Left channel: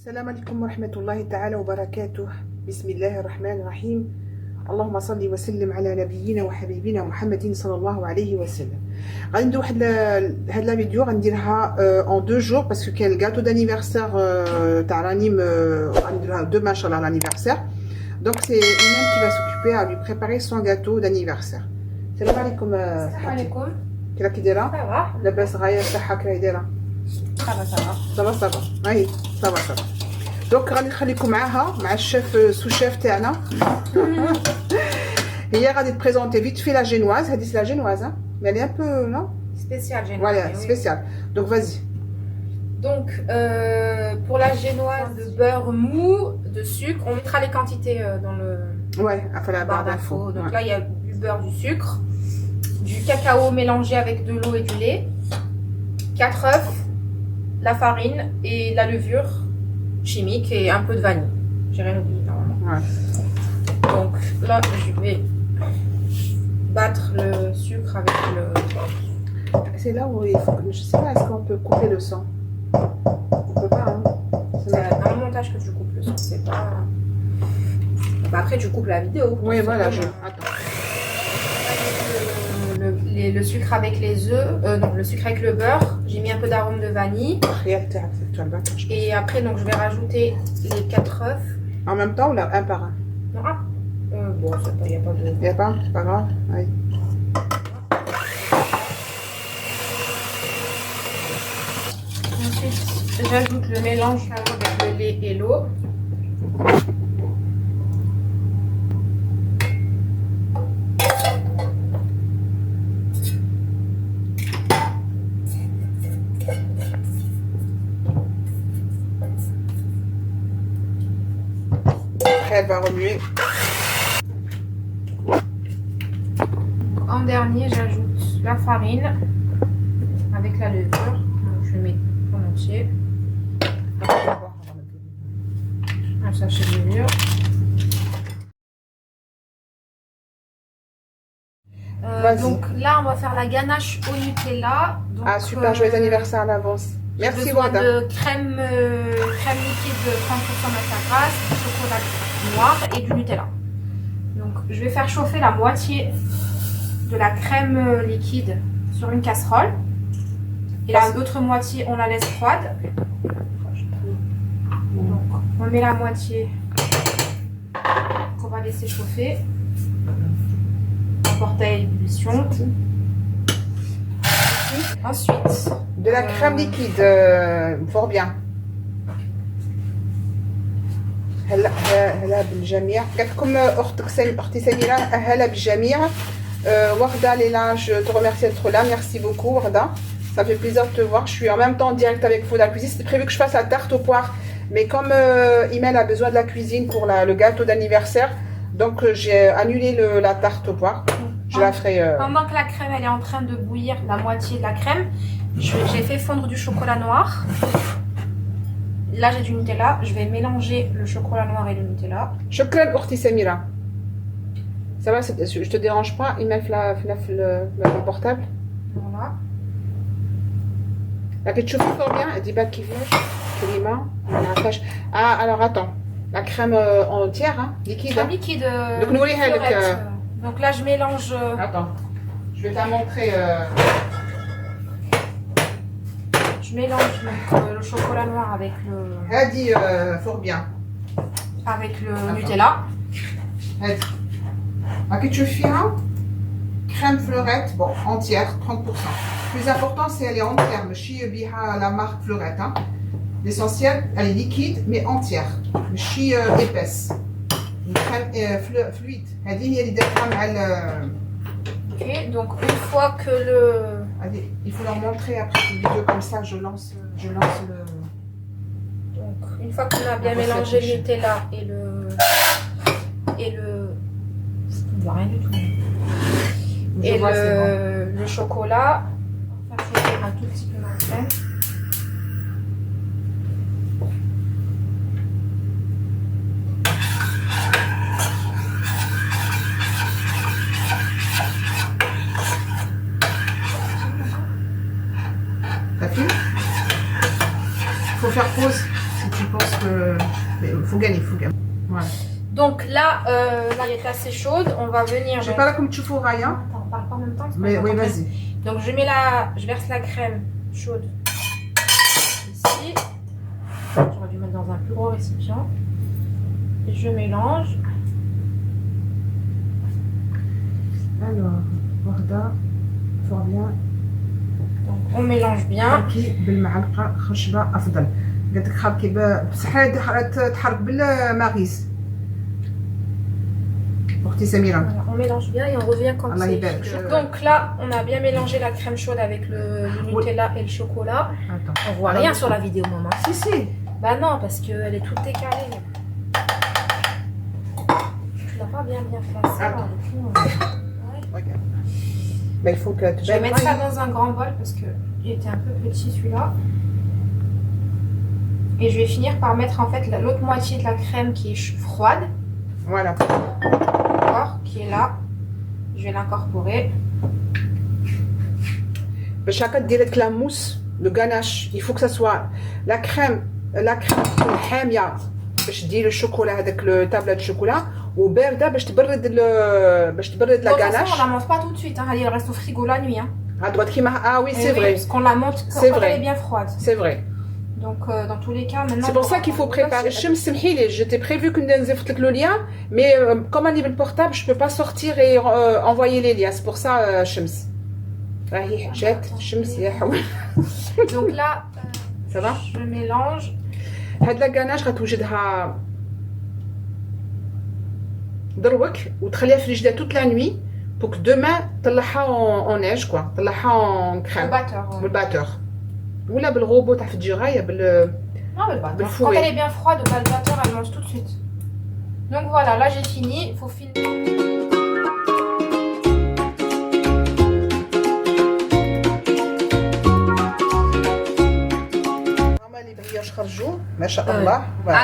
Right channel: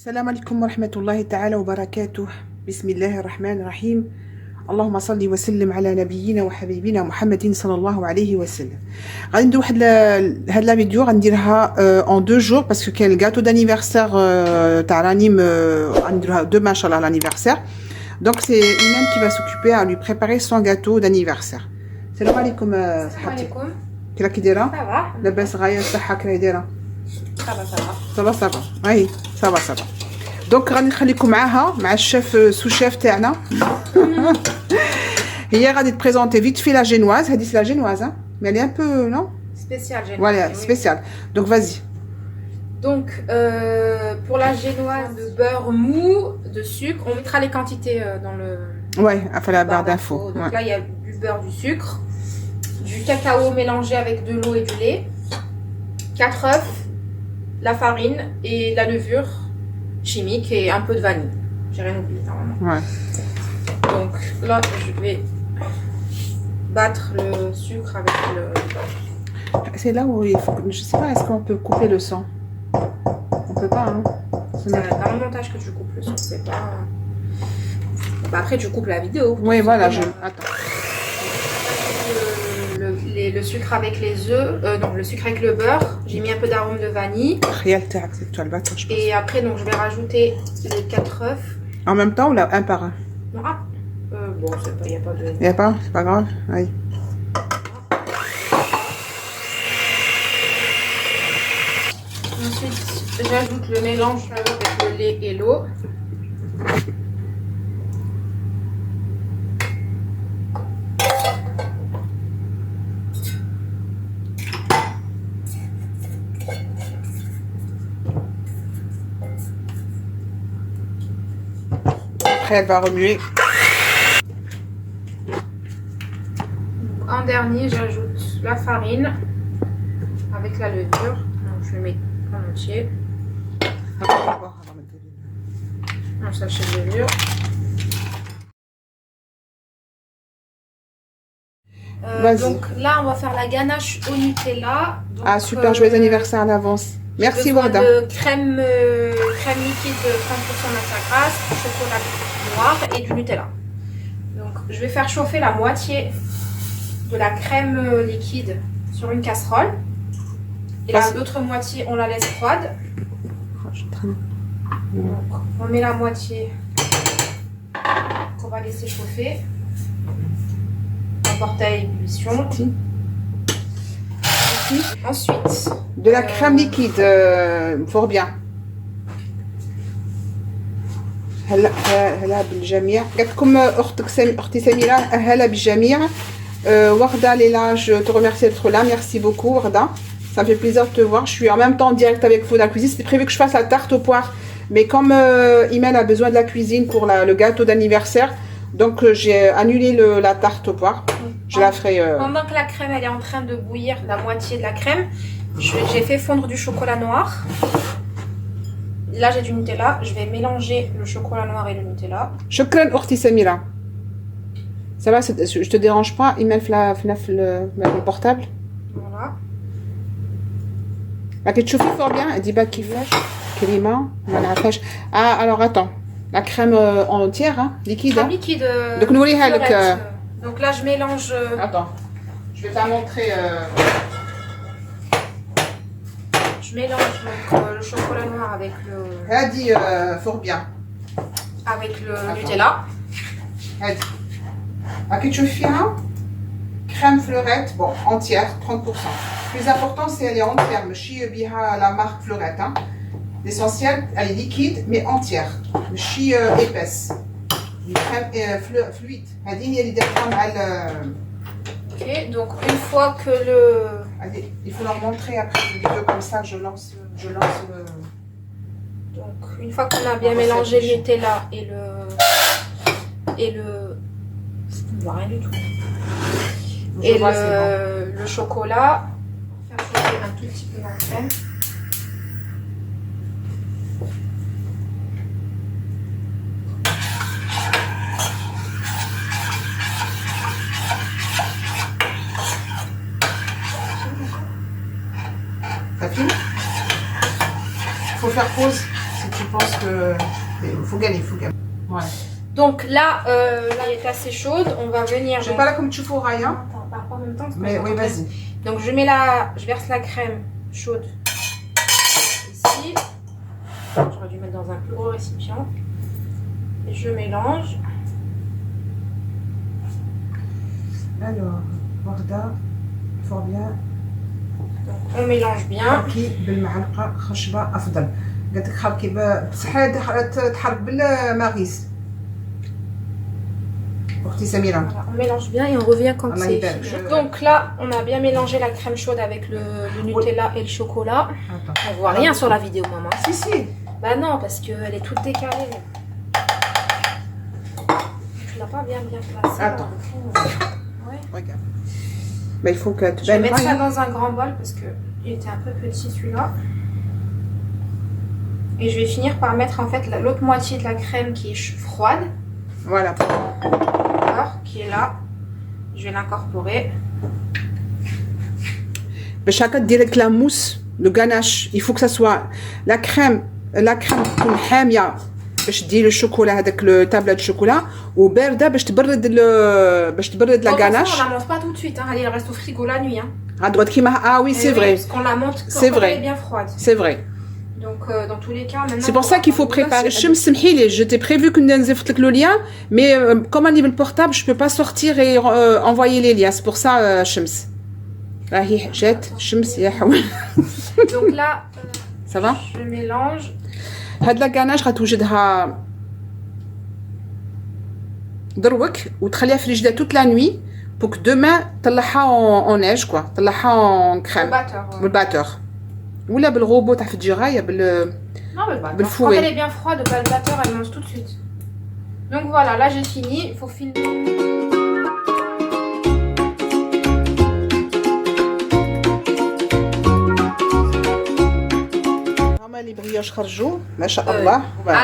السلام عليكم ورحمة الله تعالى وبركاته. بسم الله الرحمن الرحيم. اللهم صل وسلم على نبينا وحبيبنا محمد صلى الله عليه وسلم. غادي ندير واحد هاد لا فيديو غنديرها en 2 jours parce que كاين الكاتو d'anniversaire تاع رانيم غنديروها demain ان شاء الله l'anniversaire. Donc c'est Iman qui va s'occuper à lui préparer son gâteau d'anniversaire. السلام عليكم. السلام عليكم. كي راكي دايره؟ صافا لاباس غايه الصحه كي راهي دايره؟ صافا صافا اي صافا. دونك غادي نخليكم معاها مع الشيف سو شيف تاعنا. هي غادي تبريزونتي فيت في لا جينواز. هذه لا جينواز مي elle est un peu non spécial génoise. Voilà, spécial. Donc vas-y. Donc pour la génoise de beurre mou, de sucre, on mettra les quantités dans le Ouais, enfin la barre d'infos. Donc Ouais. là il y a du beurre, du sucre, du cacao mélangé avec de l'eau et du lait, 4 œufs, la farine et la levure chimique et un peu de vanille. J'ai rien oublié normalement. Ouais. Donc là je vais battre le sucre avec le beurre. C'est là où il faut... Je sais pas, est-ce qu'on peut couper le sang? On peut pas, hein? C'est dans le montage que tu coupes le son, c'est pas... Bah après tu coupes la vidéo. Oui, voilà, je... Attends. Le sucre avec les œufs, non, le sucre avec le beurre, j'ai mis un peu d'arôme de vanille. Rien تاعك, c'est toi le battre, je pense. Et après donc je vais rajouter les 4 œufs. En même temps ou là, un par un? Non, bon, il n'y a pas de... Il y a pas, c'est pas grave. Oui. Ensuite, j'ajoute le mélange avec le lait et l'eau. Après, elle va remuer. En dernier, j'ajoute la farine avec la levure. Donc, je mets en entier. Un sachet de levure. Donc là, on va faire la ganache au Nutella. Donc, Ah super, joyeux anniversaire à l'avance. Merci Warda. de crème liquide de 30% matière grasse, du chocolat noir et du Nutella. Donc je vais faire chauffer la moitié de la crème liquide sur une casserole. Et l'autre moitié, on la laisse froide. Donc on met la moitié qu'on va laisser chauffer. On porte à ébullition. Ensuite, de la crème liquide, fort bien. هلا بالجميع. قالت لكم اختي سميره هلا بالجميع. Warda Léla, je te remercie d'être là. Merci beaucoup Warda. Ça me fait plaisir de te voir. Je suis en même temps en direct avec vous dans la cuisine. C'était prévu que je fasse la tarte aux poires. Mais comme Imen a besoin de la cuisine pour le gâteau d'anniversaire, donc j'ai annulé la tarte aux poires. Je la ferai... Pendant que la crème elle est en train de bouillir, la moitié de la crème, j'ai fait fondre du chocolat noir. Là j'ai du Nutella. Je vais mélanger le chocolat noir et le Nutella. شكرا أختي سميرة. Ça va, je te dérange pas? Imen fait le portable. Voilà. La ketchup fort bien. Elle dit pas qu'il fait. Krima. Ah alors attends. La crème entière, hein, liquide. Crème liquide. Donc nous fleurette. Donc là je mélange. Attends. Je vais te montrer. Je mélange donc, le chocolat noir avec le. Elle dit fort bien. Avec le Nutella. Elle dit. La ketchup fiera. Crème fleurette, bon, entière, 30%. Le plus important, c'est qu'elle est entière. Je la marque fleurette. Hein. L'essentiel, elle est liquide, mais entière. Je épaisse. Une crème fluide. Elle dit, il y a Ok, donc une fois que le... Allez, il faut leur montrer après une vidéo comme ça, je lance le... Donc une fois qu'on a bien mélangé le Nutella et le... On voit rien du tout. Et le chocolat, on va faire chauffer un tout petit peu la crème. Ça file? Faut faire pause. si tu penses que... Mais il faut gagner, il faut gagner. Voilà. Donc là, là, elle est assez chaude. On va venir... Je sais pas là comme tu feras, hein. Attends, on parle pas en même temps. Mais oui, vas-y. Donc je verse la crème chaude ici. J'aurais dû mettre dans un plus gros récipient. Et je mélange. Alors, Warda, fort bien. Donc on mélange bien. حركي بالمعلقة خشبة أفضل. قالت لك حركي بصح تحرك بالمغيس. أختي سميرة. Voilà, on mélange bien et on revient quand Allah c'est يبارك. fini. Donc là, on a bien mélangé la crème chaude avec le Nutella et le chocolat. Attends. On voit rien sur la vidéo, maman. Si, si. Bah non, parce qu'elle est toute décalée. Tu l'as pas bien placée. Attends. Ouais. Regarde. Mais il faut que tu Je vais mettre ça dans un grand bol parce que il était un peu petit celui-là. Et je vais finir par mettre en fait l'autre moitié de la crème qui est froide. Voilà. D'accord, qui est là. Je vais l'incorporer. باش هكا دير لك لا موس لو غاناش il faut que ça soit la crème تكون حاميه باش دير الشوكولا هذاك التابله دو شوكولا وبارده باش تبرد لا غاناش. On la monte pas tout de suite, hein. Elle reste au frigo la nuit. Hein. À droite كيما ah oui c'est vrai. Parce qu'on la monte quand C'est elle vrai. est bien froide. C'est vrai. Donc dans tous les cas maintenant. C'est pour ça qu'il faut préparer. الشمس سمحي لي je t'ai prévu que نزفت لك le lien mais comme on est le portable je peux pas sortir et envoyer les liens. C'est pour ça الشمس. راهي جات الشمس يا حول. Donc là ça va. je mélange. هاد لا غاناش غتوجدها دروك وتخليها في الجدا toute la nuit pour que demain تطلعها en neige quoi. تطلعها en crème. بالباتور. ولا بالروبو تاع في الدجايه بال. Non, mais bah, quand elle est bien froide, au batteur, elle mange tout de suite. Donc voilà, là j'ai fini. Il faut filmer.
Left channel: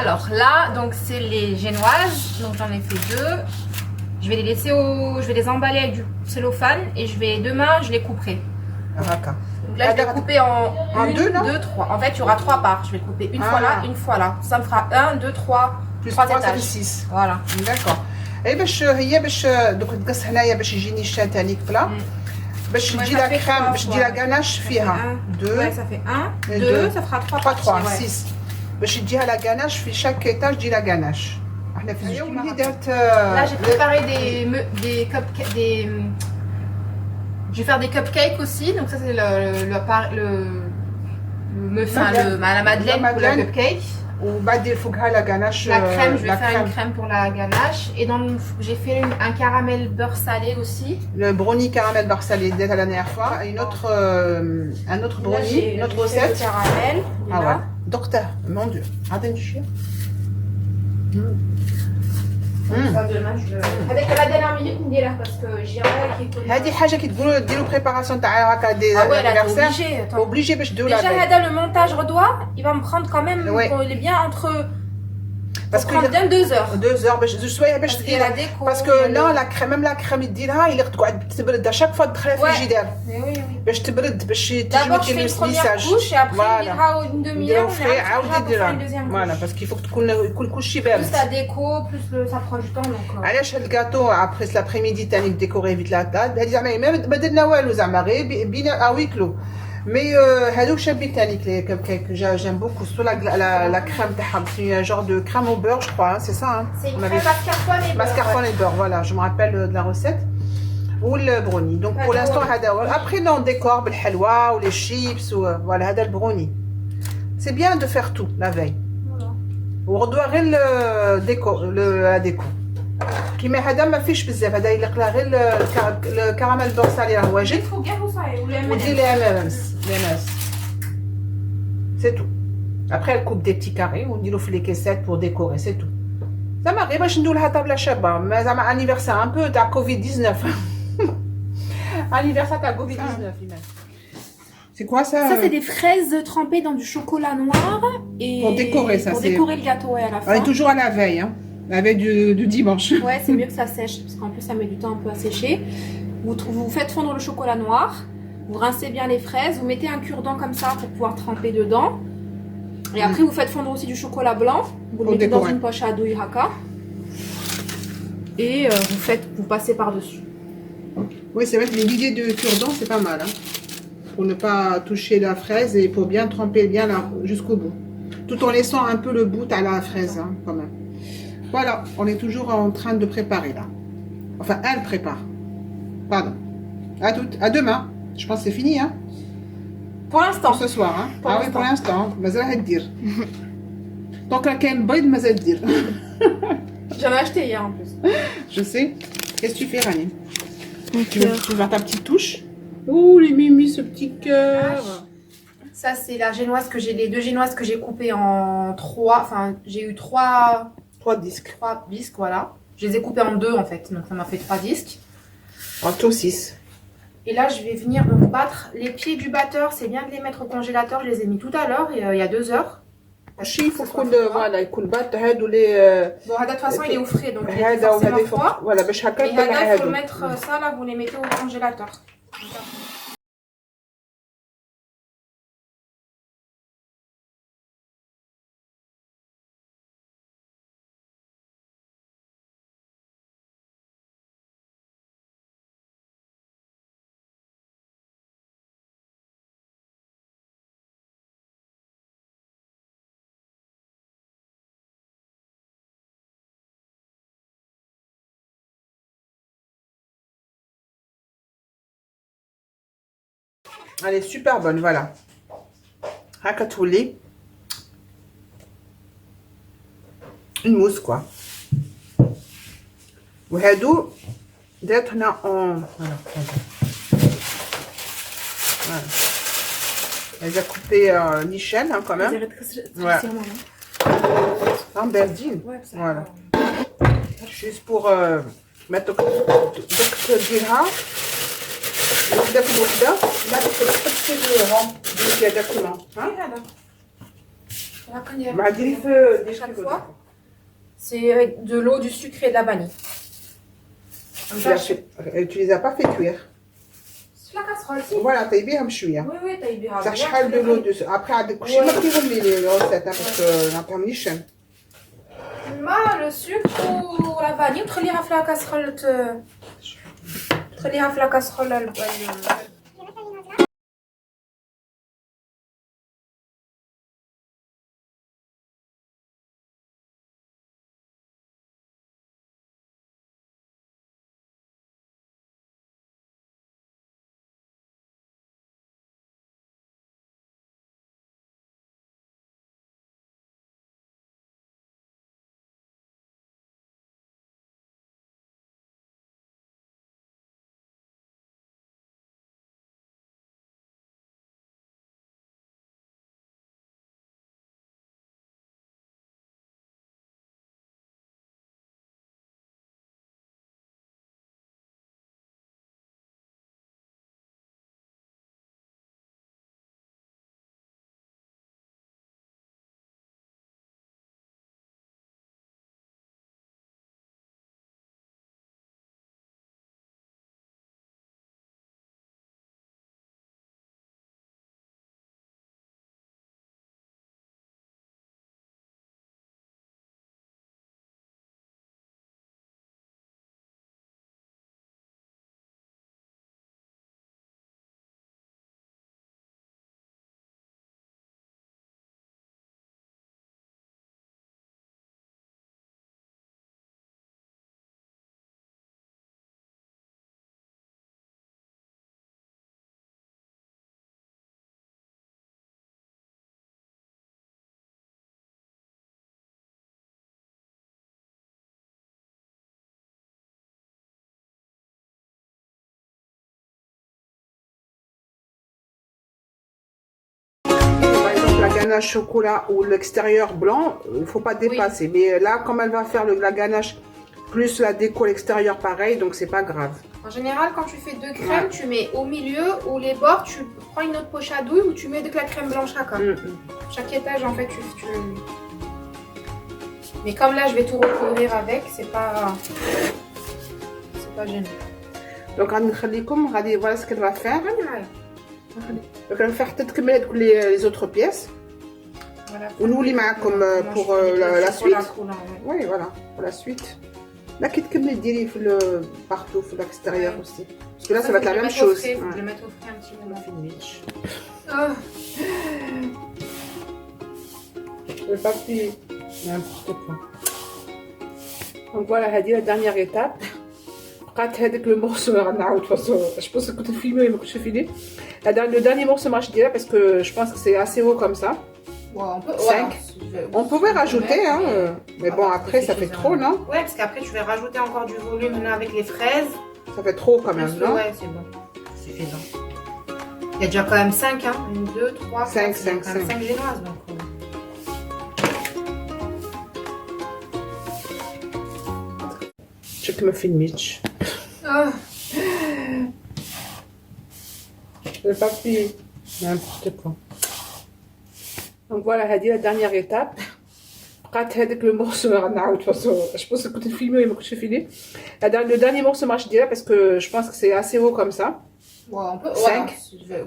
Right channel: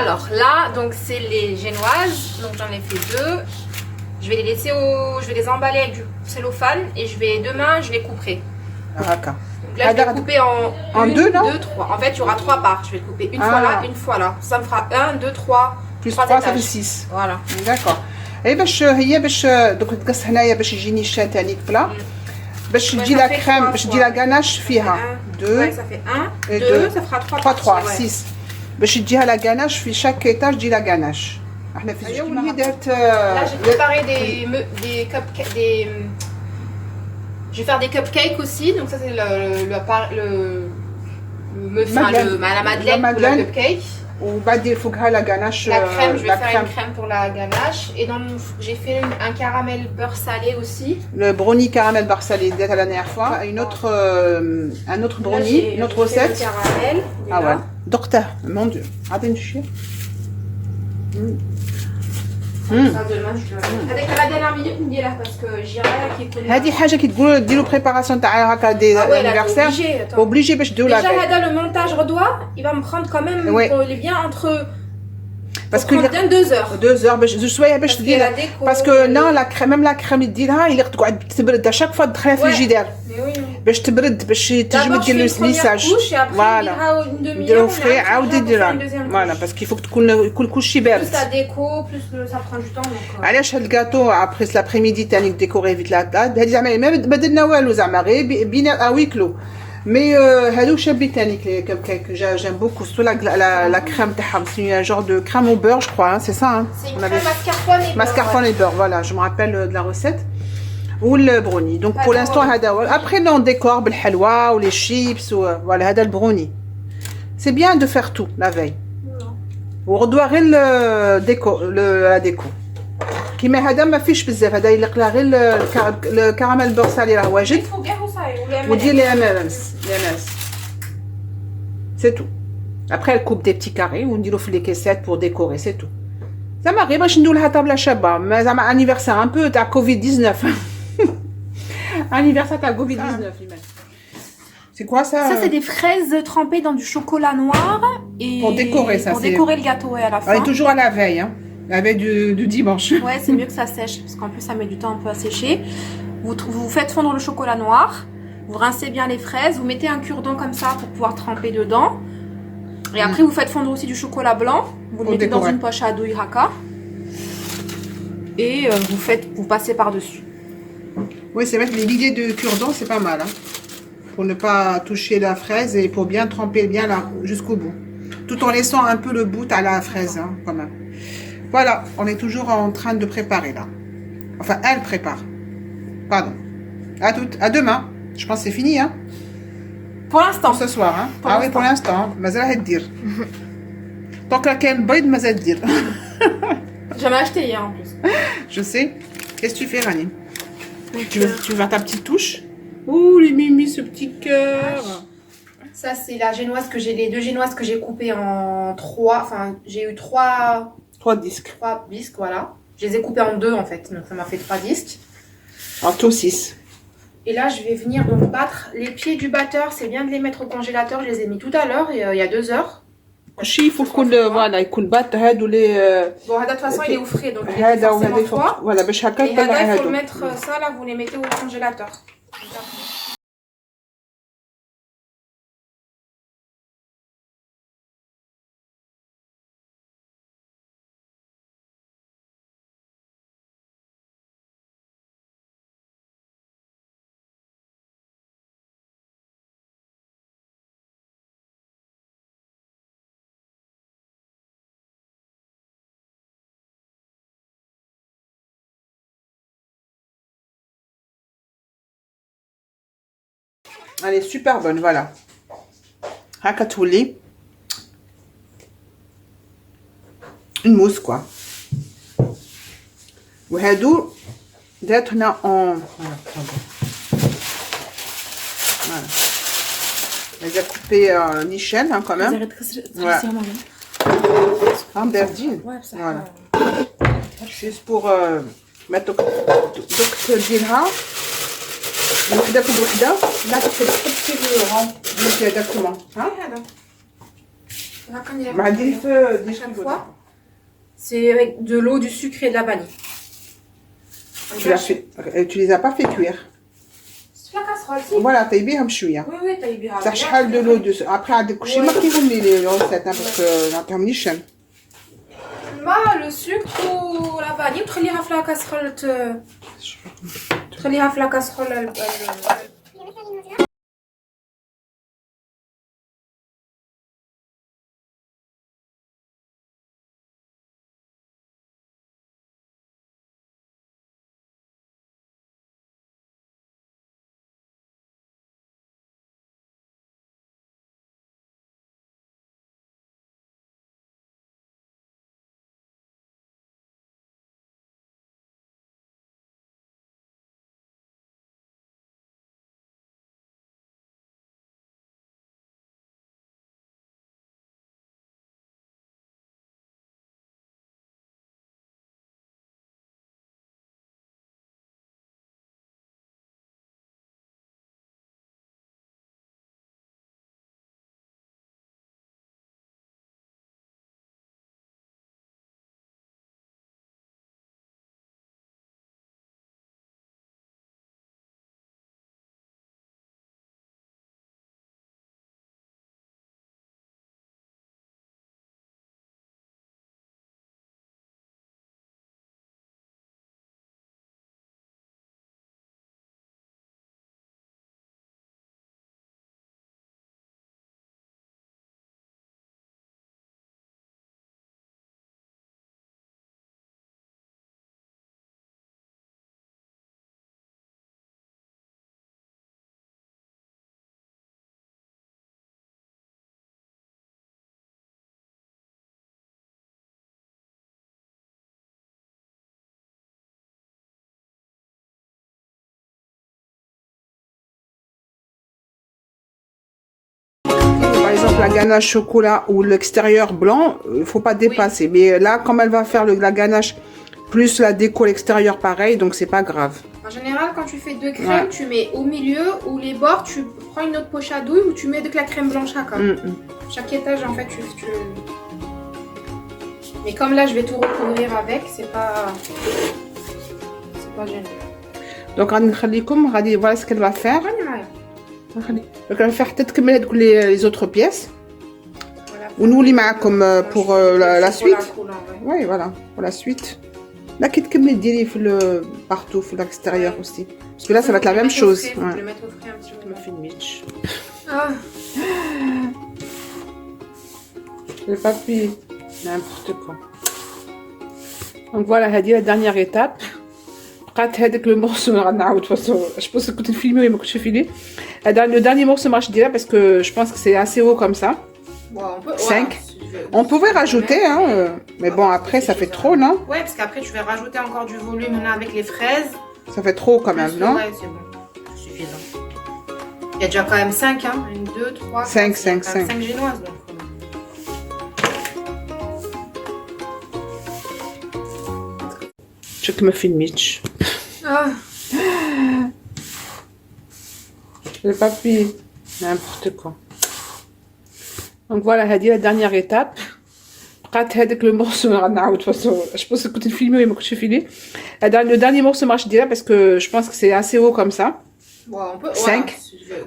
Alors là, donc c'est les génoises. Donc j'en ai fait 2. Je vais les laisser je vais les emballer avec du cellophane et demain je les couperai. D'accord. Donc là, je vais couper en 2, non 2, 3. En fait, il y aura 3 parts. Je vais couper une fois là, une fois là. Ça me fera 1, 2, 3. Plus 3 3 ça fait étages. 6. Voilà. D'accord. Et باش هي باش دوك تقص هنايا باش يجيني الشا تاعي بلا باش تجي لا كريم باش تجي لا غاناش فيها 2 ça fait 1 et 2 ça fera 3 3 6 باش تجيها لا غاناش في شاك ايتاج تجي لا غاناش احنا في الجو اللي درت. Là, j'ai préparé des cupcakes, je vais faire des cupcakes aussi. Donc ça c'est la madeleine pour le cupcake. وبعد فوقها لا غاناش. La crème, je vais faire une crème pour la ganache. Et j'ai fait un caramel beurre salé aussi. Le brownie caramel beurre salé dès la dernière fois. Un autre brownie, une autre recette. Le caramel. Ah ouais. Docteur, mon Dieu. Attends, je suis. هذيك لا دير مينيت نديرها باسكو جيران كيكون هذه حاجه كي تقولوا ديروا بريباراسيون تاع هكا دي انيفرسير اوبليجي باش ديروا لا. Déjà هذا le montage redois, il va me prendre quand même il est bien entre parce que bien 2 heures. 2 heures باش شويه باش دير باسكو لا لا كريم ميم لا كريم اللي ديرها اللي تقعد تبرد شاك فوا تدخلها في الجدار باش تبرد باش تجي دير الميساج. فوالا نديرو فري عاودي ديرها فوالا باسكو يفوك تكون كلشي بارد. لا ديكو بلوس ça prend du temps donc. علاش هاد الكاطو ابري لابريميدي تاني ديكوري فيت لا هادي زعما ما درنا والو زعما غير بينا اويكلو مي هادو شابين تاني لي كب كيك جيم بوكو سو لا كريم تاعهم سي جور دو كريم او بور جو كروا سي سا. C'est une crème mascarpone et beurre. Voilà, je me rappelle de la recette. Ou le brownie. Donc pour l'instant, après on décore le halwa ou les chips ou voilà, le brownie. C'est bien de faire tout la veille. Ou redoirer la déco. Qui met هذا ما فيش بزاف هذا يلق لا غير الكراميل بور سالي راه واجد ودير لي امامس c'est tout. Après elle coupe des petits carrés ونديرو في لي كيسات pour décorer c'est tout. زعما غير باش نديرو لها طابله شابه ما زعما انيفرسير ان بو تاع كوفيد 19 anniversaire تاع كوفيد 19 C'est quoi ça? Ça, c'est des fraises trempées dans du chocolat noir. Et pour décorer ça. Pour décorer le gâteau à la fin. On est toujours à la veille, hein. La veille du dimanche. Ouais, c'est mieux que ça sèche, parce qu'en plus ça met du temps un peu à sécher. Vous faites fondre le chocolat noir, vous rincez bien les fraises, vous mettez un cure-dent comme ça pour pouvoir tremper dedans. Et après, vous faites fondre aussi du chocolat blanc. Vous le mettez dans une poche à douille haka. Et vous passez par-dessus. Oui, c'est vrai que l'idée de cure-dent, c'est pas mal. Hein, pour ne pas toucher la fraise et pour bien tremper bien jusqu'au bout. Tout en laissant un peu le bout à la fraise, hein, quand même. Voilà, on est toujours en train de préparer là. Enfin, elle prépare. Pardon. À demain. Je pense que c'est fini, hein. Pour l'instant. Ce soir, hein. Oui, pour l'instant. Mazal dire. Tant que la canne boyd, mazal dire. J'avais acheté hier en plus. Je sais. Qu'est-ce que tu fais, Rani? Tu veux faire ta petite touche? Oh, les mimi, ce petit cœur. Ça, c'est la génoise que j'ai, les 2 génoises que j'ai coupées en 3. Enfin, j'ai eu 3 disques. 3 disques, voilà. Je les ai coupés en 2 en fait, donc ça m'a fait 3 disques. En tout 6. Et là, je vais venir donc battre les pieds du batteur. C'est bien de les mettre au congélateur. Je les ai mis tout à l'heure, il y a 2 heures. Il faut qu'on voilà, يكون بات هادو لي Bon, de toute façon, il est au frais, donc il est forcément froid. Voilà, باش هكا Et là, il faut le mettre ça là, vous les mettez au congélateur. Elle est super bonne, voilà. هكا تولي une mousse quoi. وهادو درت هنا en voilà. Elle a coupé l'échelle hein, quand même. Voilà. En berdine. Voilà. Juste pour mettre ديالها داك الوحده لا تحطي الغرام ديال هذاك الماء هذا مع ديال في chaque fois. C'est avec de l'eau, du sucre et de la vanille. Tu les as pas fait cuire. C'est la casserole, si. Voilà, طيبيهم شويه. Oui, oui, طيبيها. صح شحال de l'eau de après عندك كلشي ما كيهم لي ريسيت parce que ما فهمنيش. الماء, le sucre ou la vanille وتخليها في لا كاسرول تخليها في لا كاسرول Par exemple, la ganache chocolat ou l'extérieur blanc, il faut pas dépasser. Oui. Mais là, comme elle va faire la ganache plus la déco l'extérieur pareil, donc c'est pas grave. En général, quand tu fais 2 crèmes, tu mets au milieu ou les bords, tu prends une autre poche à douille ou tu mets de la crème blanche à comme. Chaque étage, en fait, tu... Mais comme là, je vais tout recouvrir avec, c'est pas gênant. Donc, voilà ce qu'elle va faire. Donc, elle va faire peut-être que les autres pièces. Voilà, ونولي معكم pour la suite. Ouais. Oui, voilà, pour la suite. Là, quitte que me dire partout, à l'extérieur aussi. Parce que là, ça va être la même chose. Je Ouais. vais le mettre au frais un petit peu. Je me fais une Mitch. Ah, J'ai pas pu. N'importe quoi. Donc voilà, هذه la dernière étape. بقات هذاك le morceau ما غنعاود de toute façon. Je pense que كنت نفيلمي ولا ما كنتش نفيلمي. Le dernier morceau ما غاديش نديرها parce que je pense que c'est assez haut comme ça. ouais, on peut. 5. On pouvait rajouter, hein, mais bon après ça fait trop, non? Ouais, parce qu'après je vais rajouter encore du volume là avec les fraises. Ça fait trop quand même, non? Ouais, c'est bon. Suffisant. Il y a déjà quand même 5, hein. 1, 2, 3, 5, 5, 5. 5 génoises donc. Je me fais une Mitch. Ah, J'ai pas pu. N'importe quoi. Donc voilà, هذه la dernière étape. بقات هذاك le morceau ما غنعاود de toute façon. Je pense que كنت نفيلمي ولا ما كنتش نفيلمي. Le dernier morceau ما غاديش نديرها parce que je pense que c'est assez haut comme ça. ouais, on peut. 5.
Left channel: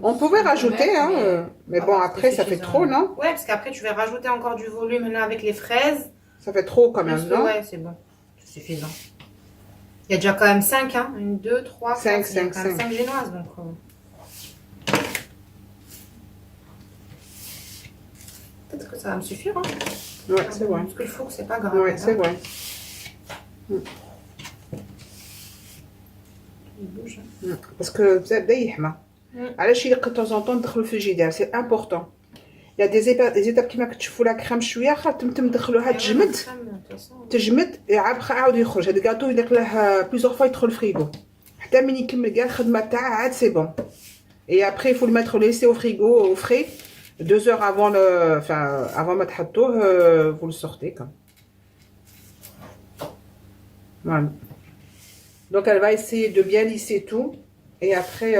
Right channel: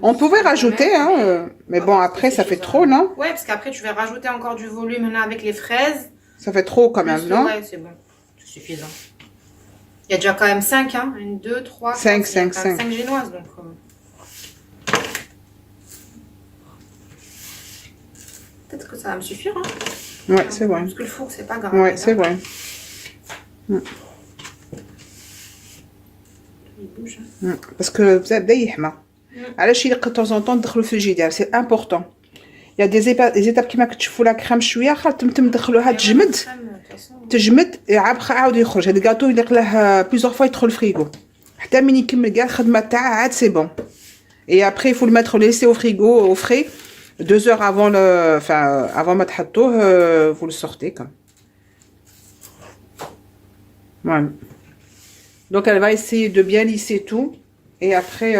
On pouvait rajouter, hein, mais bon après ça fait trop, non? Ouais, parce qu'après je vais rajouter encore du volume là avec les fraises. Ça fait trop quand même, non? Ouais, c'est bon. C'est suffisant. Il y a déjà quand même 5, hein. 1, 2, 3, 5, 5, 5 génoises donc. Peut-être que ça va me suffire, hein. Ouais, c'est vrai. Parce que le four, c'est pas grave. Ouais, c'est vrai. Il bouge. Parce que بدا يحمى. علاش يلقى de temps en temps ندخلو في الجدار, c'est important. Il y a des étapes كيما كتشوفوا لا كريم شويه خاطر ندخلوها تجمد عاود يخرج. هذا الكاطو يليق له plusieurs fois يدخل الفريغو حتى من يكمل كاع الخدمه تاعه عاد سي بون. Et après il faut le mettre laisser au frigo au frais 2 heures avant avant ما تحطوه vous le sortez comme. Voilà. Donc elle va essayer de bien lisser tout et après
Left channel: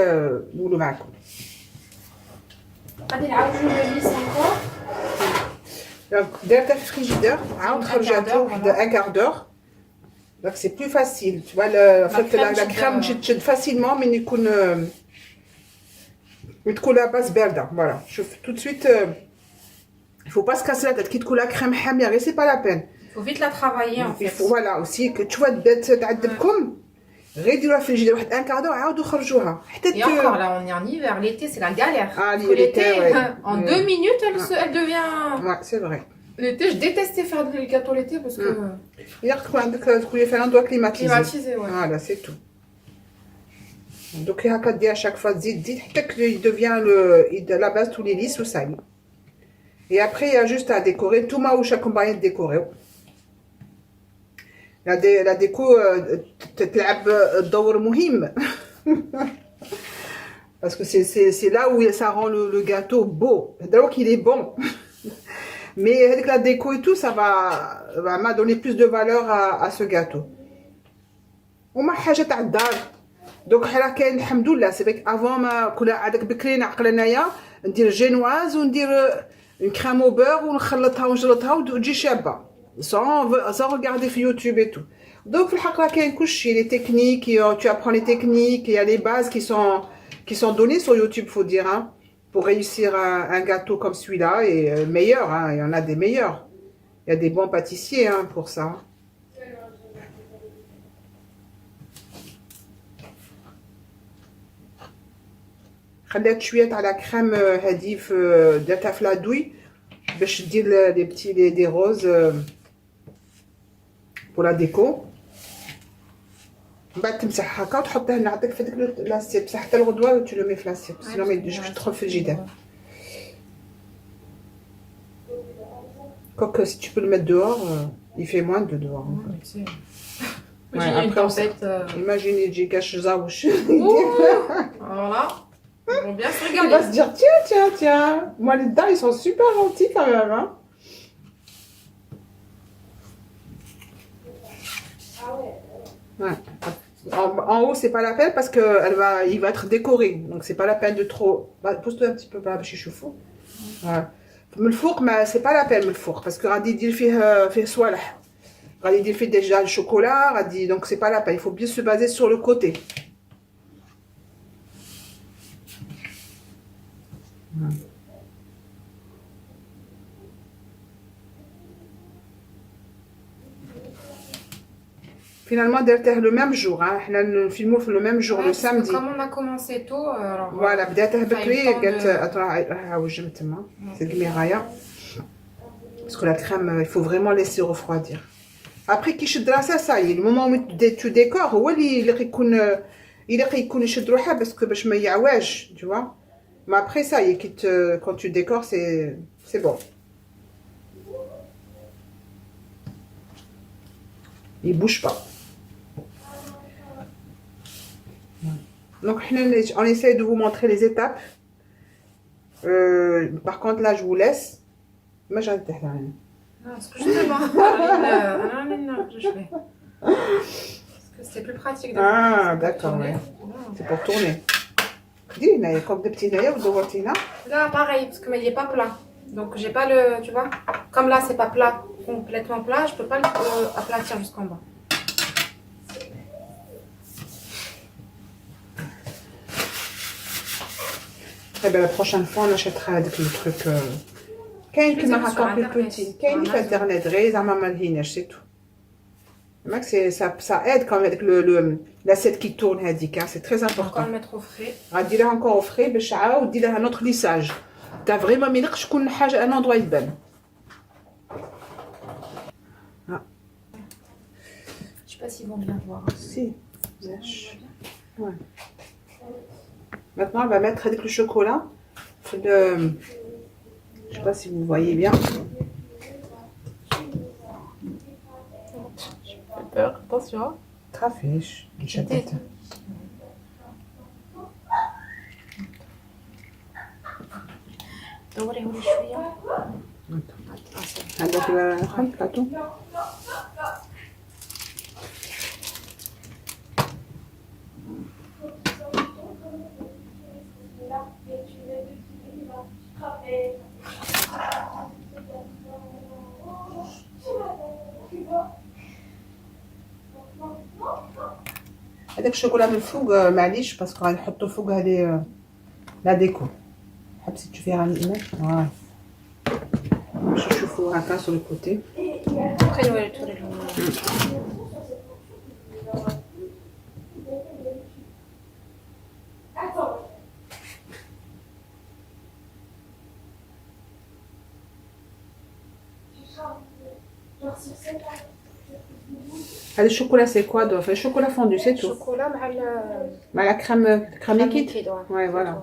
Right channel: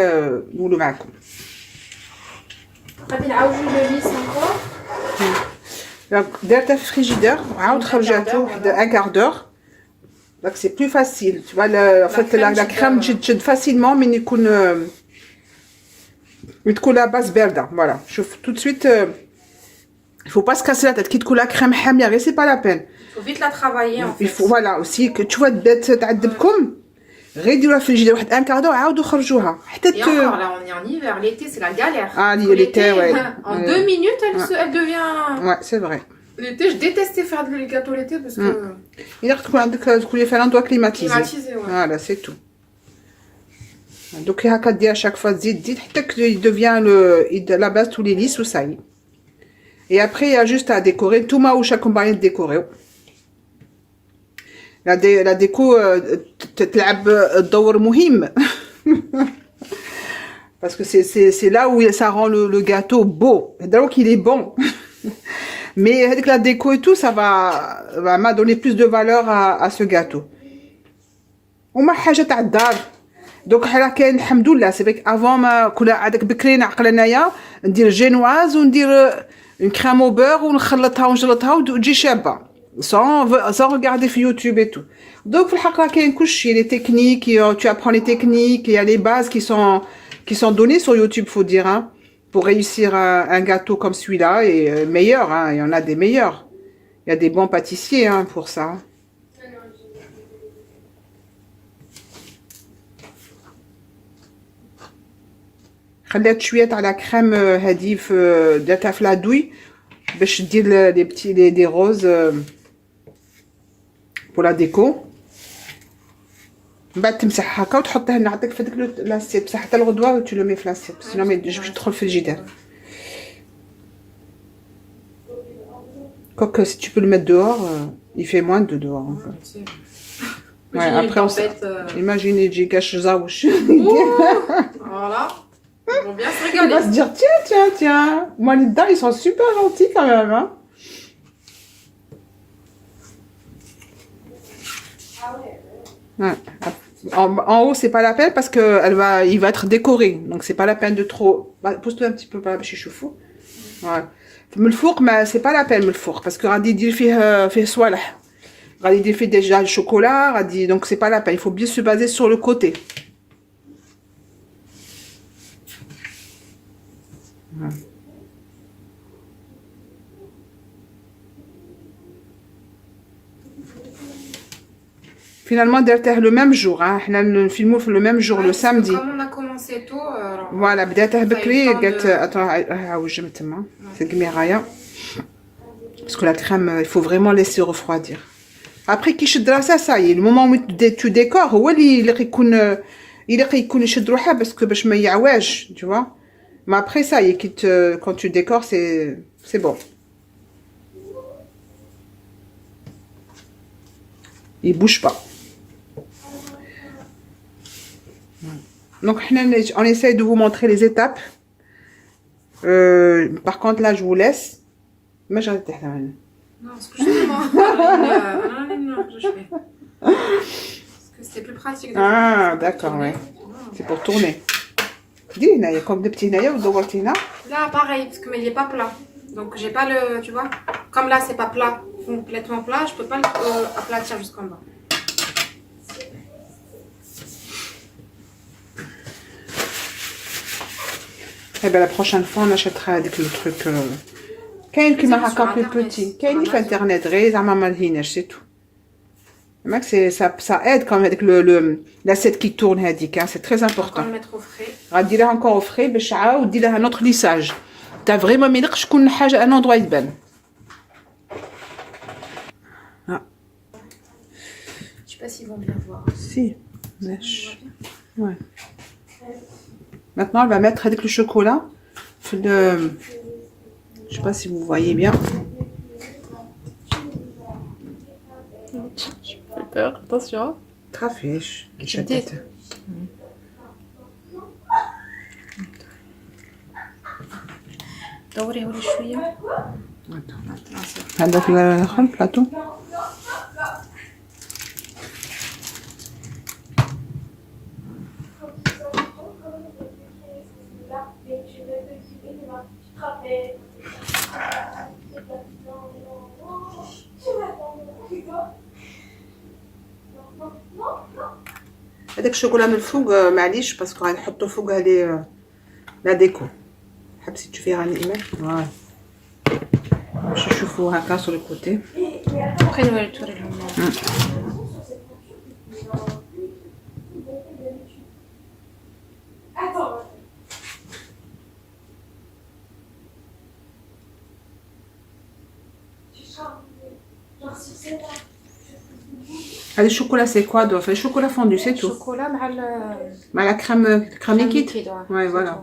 nous le معكم. غادي نعاودو نليس encore. درتها في الفريجيدير عاود خرجتها واحد un quart d'heure. Donc c'est plus facile. Tu vois la crème تشد facilement من يكون تكون la base باردة. Voilà. شوف tout de suite il faut pas se casser la tête كي تكون la crème حامية غير c'est pas la peine. Il faut vite la travailler en fait. Il faut voilà aussi que tu vois بدات تعذبكم غير ديروها في الفريجيدير واحد un quart d'heure عاودوا خرجوها حتى Et encore là on est en hiver, l'été c'est la galère. Ah, l'été ouais. En 2 minutes elle devient. Ouais, c'est vrai. L'été je détestais faire des gâteaux l'été parce que. Il تكون عندك تكوني في un endroit climatisé. Climatisé, ouais. Voilà, c'est tout. Donc هكا دير à chaque fois تزيد حتى il devient la base tous les lisses ou ça y est. Et après il y a juste à décorer tout ma واش راكم باغيين décorer. La déco تلعب دور مهم. Parce que c'est là où ça rend le gâteau beau. Donc il est bon. Mais avec la déco et tout, ça va donner plus de valeur à ce gâteau. وما حاجه تاع الدار. Donc حنا كاين الحمد لله سي فيك افون ما كنا عادك بكري نعقل انايا ندير جينواز وندير اون كريم او بور ونخلطها ونجلطها وتجي شابه sans regarder في يوتيوب et tout. Donc في الحق راه كاين كلشي les techniques, tu apprends les techniques, il y a les bases qui sont données sur YouTube, faut dire, hein, pour réussir un gâteau comme celui-là et meilleur, hein, il y en a des meilleurs. Il y a des bons pâtissiers, hein, pour ça. خليت شويه تاع لا كريم هذه درتها في لادوي باش دير لي بتي دي روز pour la déco. من بعد تمسح هكا وتحطها نعطيك في ديك لاسيت بصح حتى الغدوه و tu le mets في لاسيت sinon ما يجيش تدخل في الجدار. Quoique si tu peux le mettre dehors, il fait moins de dehors. Ouais, après on s'est imaginez j'ai caché zaouch. Voilà. On va bien se On régaler. va se dire tiens. Moi les dedans ils sont super gentils quand même, hein. Ouais. En haut c'est pas la peine parce que il va être décoré, donc c'est pas la peine de trop. Pose-toi un petit peu par là, je suis fou. Ouais. من الفوق ما c'est pas la peine من الفوق parce que غادي يدير فيه صوالح غادي يدير فيه déjà le chocolat غادي donc c'est pas la peine, il faut bien se baser sur le côté. Finalement, درتها le même jour. Hein. احنا نفيلمو في le même jour, Ouais, le parce que samedi. comme on a commencé tôt, alors Voilà, بداتها ça a eu le بكري temps قالت de... attends عوج تما في المرايه. Parce que la crème, il faut vraiment laisser refroidir. Après كي يشد راسها ça y est, le moment où tu décores هو اللي يلقى يكون يشد روحه parce que باش ما يعواج, tu vois. Mais après ça y est, quand tu décores, c'est bon. Il bouge pas. Donc on essaye de vous montrer les étapes. Par contre là je vous laisse. Mais j'arrête de faire. Non, parce que justement, je fais. Parce que c'était plus pratique. Ah d'accord, ouais. C'est pour tourner. Dis, il y a comme des petits naïfs ou de voitina. Là pareil, parce que mais il est pas plat. Donc j'ai pas le, tu vois, comme là c'est pas plat, complètement plat, je peux pas aplatir jusqu'en bas. Eh bien, la prochaine fois, on achètera avec le truc. Qu'est-ce qui m'a encore plus petit? Qu'est-ce qui fait Internet? Réza maman hinech, c'est tout. Mec, ça aide quand même avec l'assiette qui tourne, c'est très important. On va le mettre au frais. On va dire encore au frais, bécha, ou dire un autre lissage. T'as vraiment mis que je connais un endroit bien. Je sais pas s'ils vont bien voir. Si. Ouais. Maintenant, elle va mettre avec le chocolat. Je sais pas si vous voyez bien. J'ai peur, attention. Trafiche. Tête. دوري شوية. هذا في البلاطو. هذاك الشوكولا من الفوق معليش باسكو غنحطو فوق هذه لا ديكو. حبسي تشوفيها على الايميل. فوالا باش نشوفو هكا sur le côté. Après نوري لهم. Le chocolat c'est quoi? Donc le chocolat fondu c'est tout. Chocolat مع la crème liquide. liquide. Ouais, voilà.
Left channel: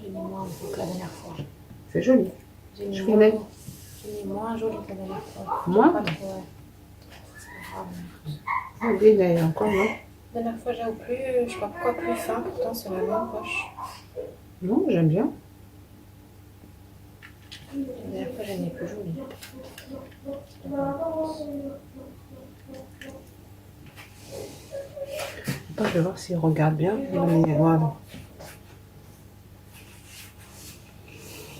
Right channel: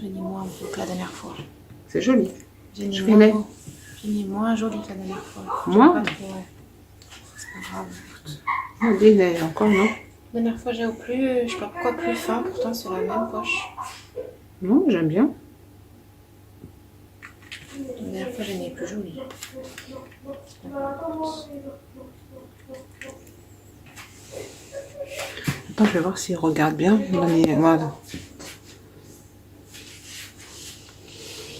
J'ai mis moins que la dernière fois. C'est joli. J'ai mis moins joli que la dernière fois. Moins? Pas trop, ouais. C'est pas grave. Il est encore non? La dernière fois j'ai au plus, je sais pas pourquoi plus fin, pourtant c'est la même poche. Non, j'aime bien. La dernière fois j'ai mis plus joli. Attends, je vais voir s'il regarde bien. Voilà.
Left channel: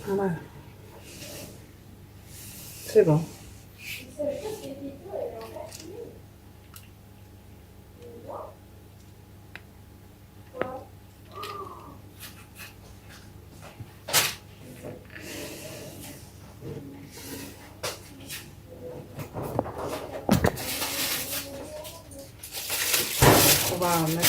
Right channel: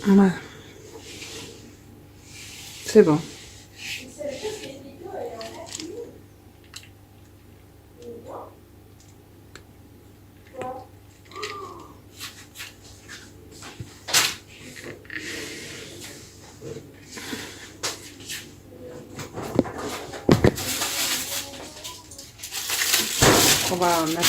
Voilà. C'est bon. On va mettre...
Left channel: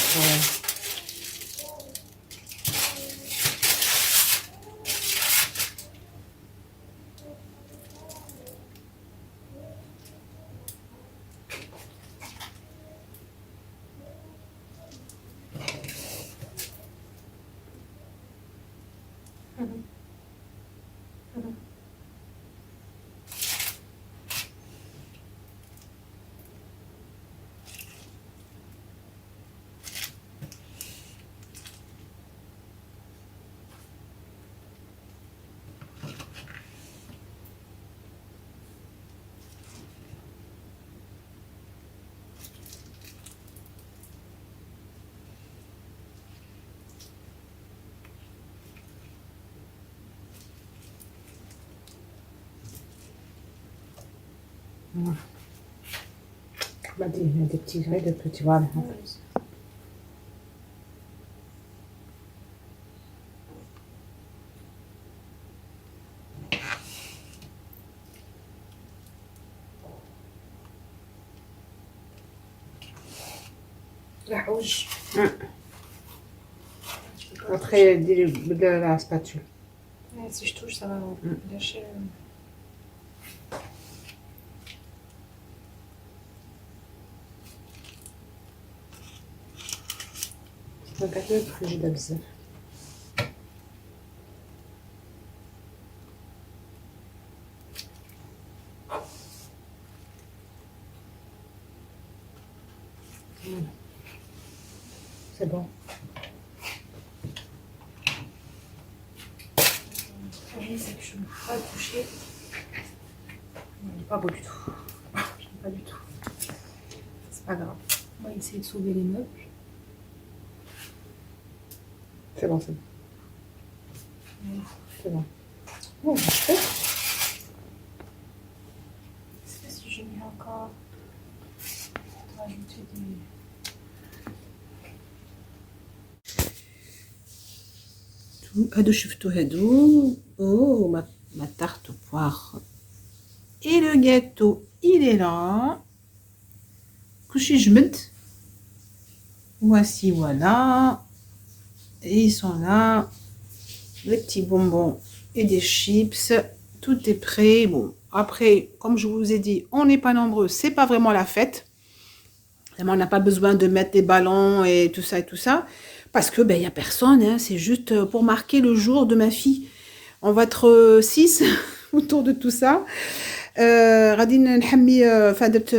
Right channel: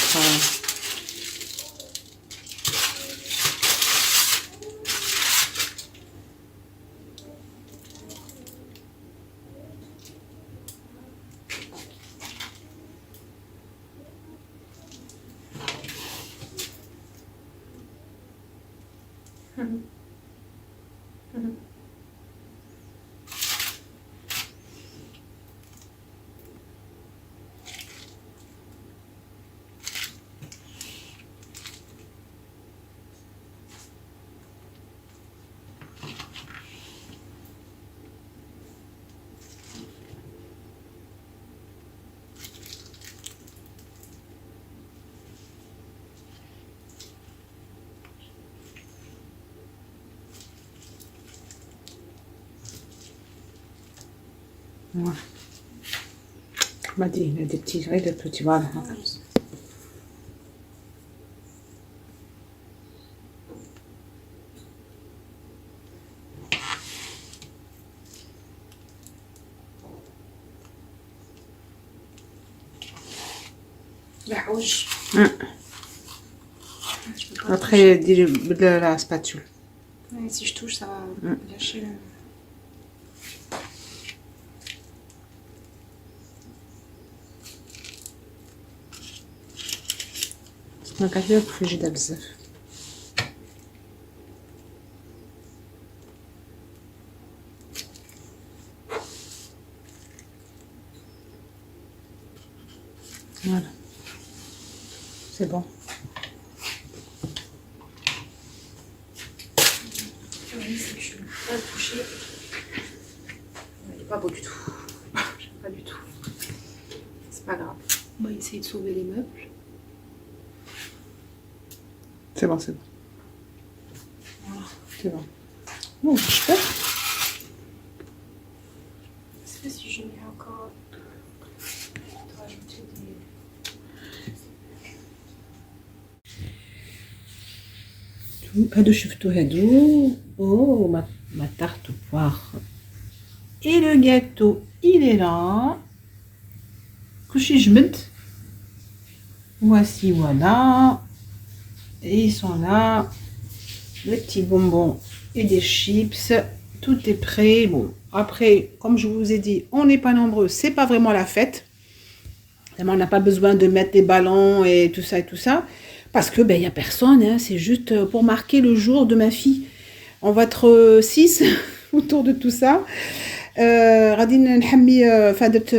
Voilà. On m'a dit, il y a des petits, oui, des petits, voilà. يعوج. Après, dis la spatule. Ouais, si je touche, ça va gâcher le... ما كتبقى فريجيدة بزاف. Voilà. C'est bon. Le c'est que je ne peux pas le toucher. Il n'est pas beau du tout. J'aime pas du tout. C'est pas grave. On va essayer de sauver les meubles. C'est bon, c'est bon. Voilà. C'est bon. Oh, super. Je sais pas si je mets encore... Je dois ajouter des... هادو شفتو هادو ma tarte au poire et le gâteau il est là كلشي جمد voici voilà et ils sont là les petits bonbons et des chips, tout est prêt. Bon après comme je vous ai dit on n'est pas nombreux, c'est pas vraiment la fête, on n'a pas besoin de mettre des ballons et tout ça parce que ben il y a personne, hein. C'est juste pour marquer le jour de ma fille. On va être 6 autour de tout ça. غادي نحمي فادرت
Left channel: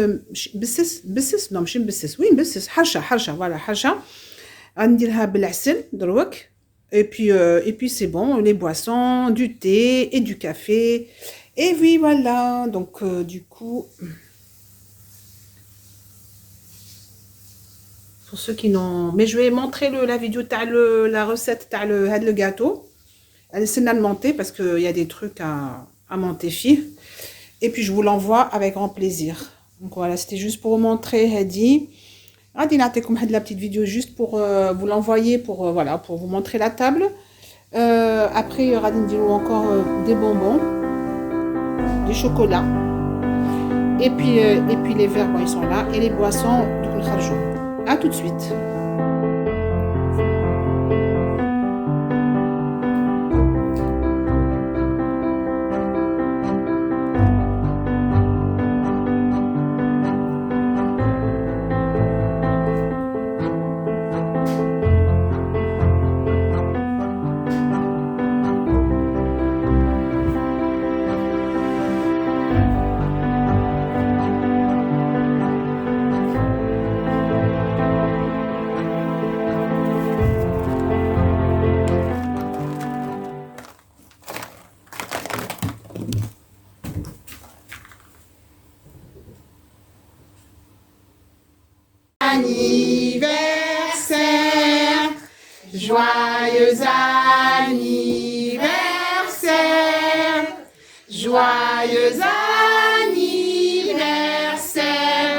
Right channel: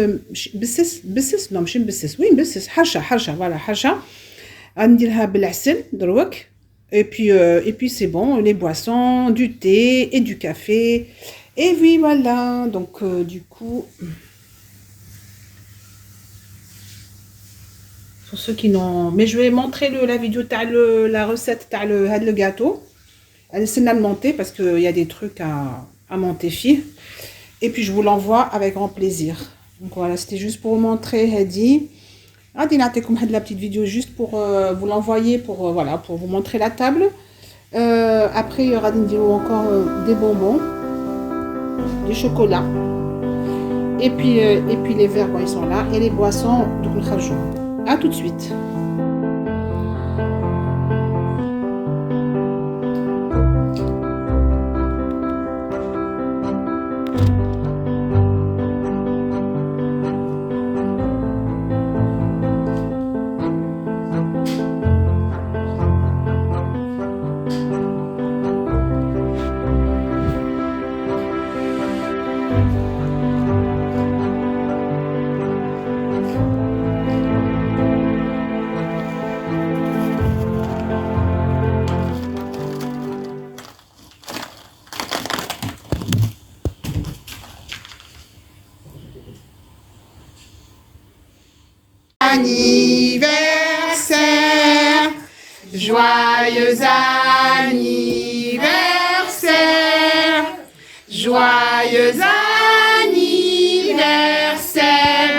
بسس non ماشي مبسس وي مبسس حرشه voilà حرشه غنديرها بالعسل دروك et puis c'est bon, les boissons, du thé et du café et oui voilà donc du coup pour ceux qui n'ont... Mais je vais montrer la vidéo, la recette, le gâteau. Elle essaie de le monter parce qu'il y a des trucs à monter, fille. Et puis je vous l'envoie avec grand plaisir. Donc voilà, c'était juste pour vous montrer, Hadi. Hadi, comme la petite vidéo juste pour vous l'envoyer, voilà, pour vous montrer la table. Après, il y aura encore des bonbons, des chocolats. Et puis les verres, bon, ils sont là. Et les boissons, donc le kharjou. A tout de suite. Anniversaire, joyeux anniversaire, joyeux anniversaire,